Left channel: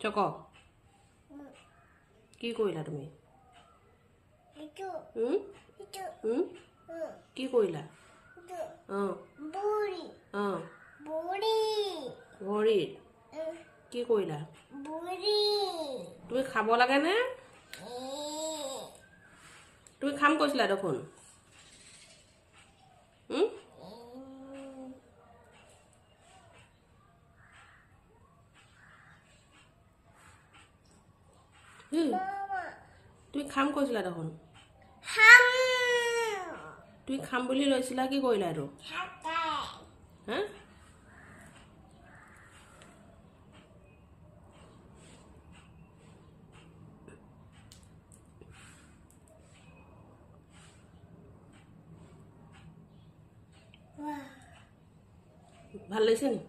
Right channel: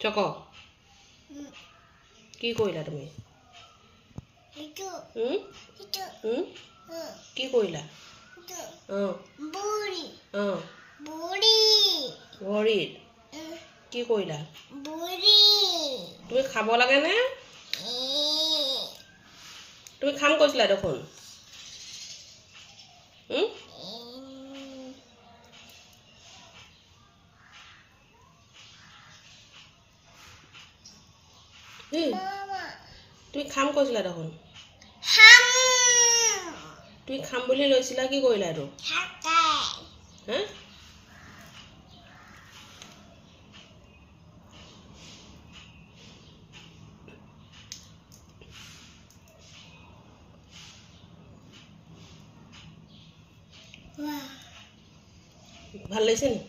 চক কি কৰিলা তুমি কি কৰিলা ভৰিত কি কৰিলা তুমি খাব লাগে নে তুমি খাম কৈছিলা দেখোন তুমি খাম কৈছিলা দেখোন তুমি খাম বুলি লৈছিলা কি কৰিলা এইটো হা ভাল লাগিছে নি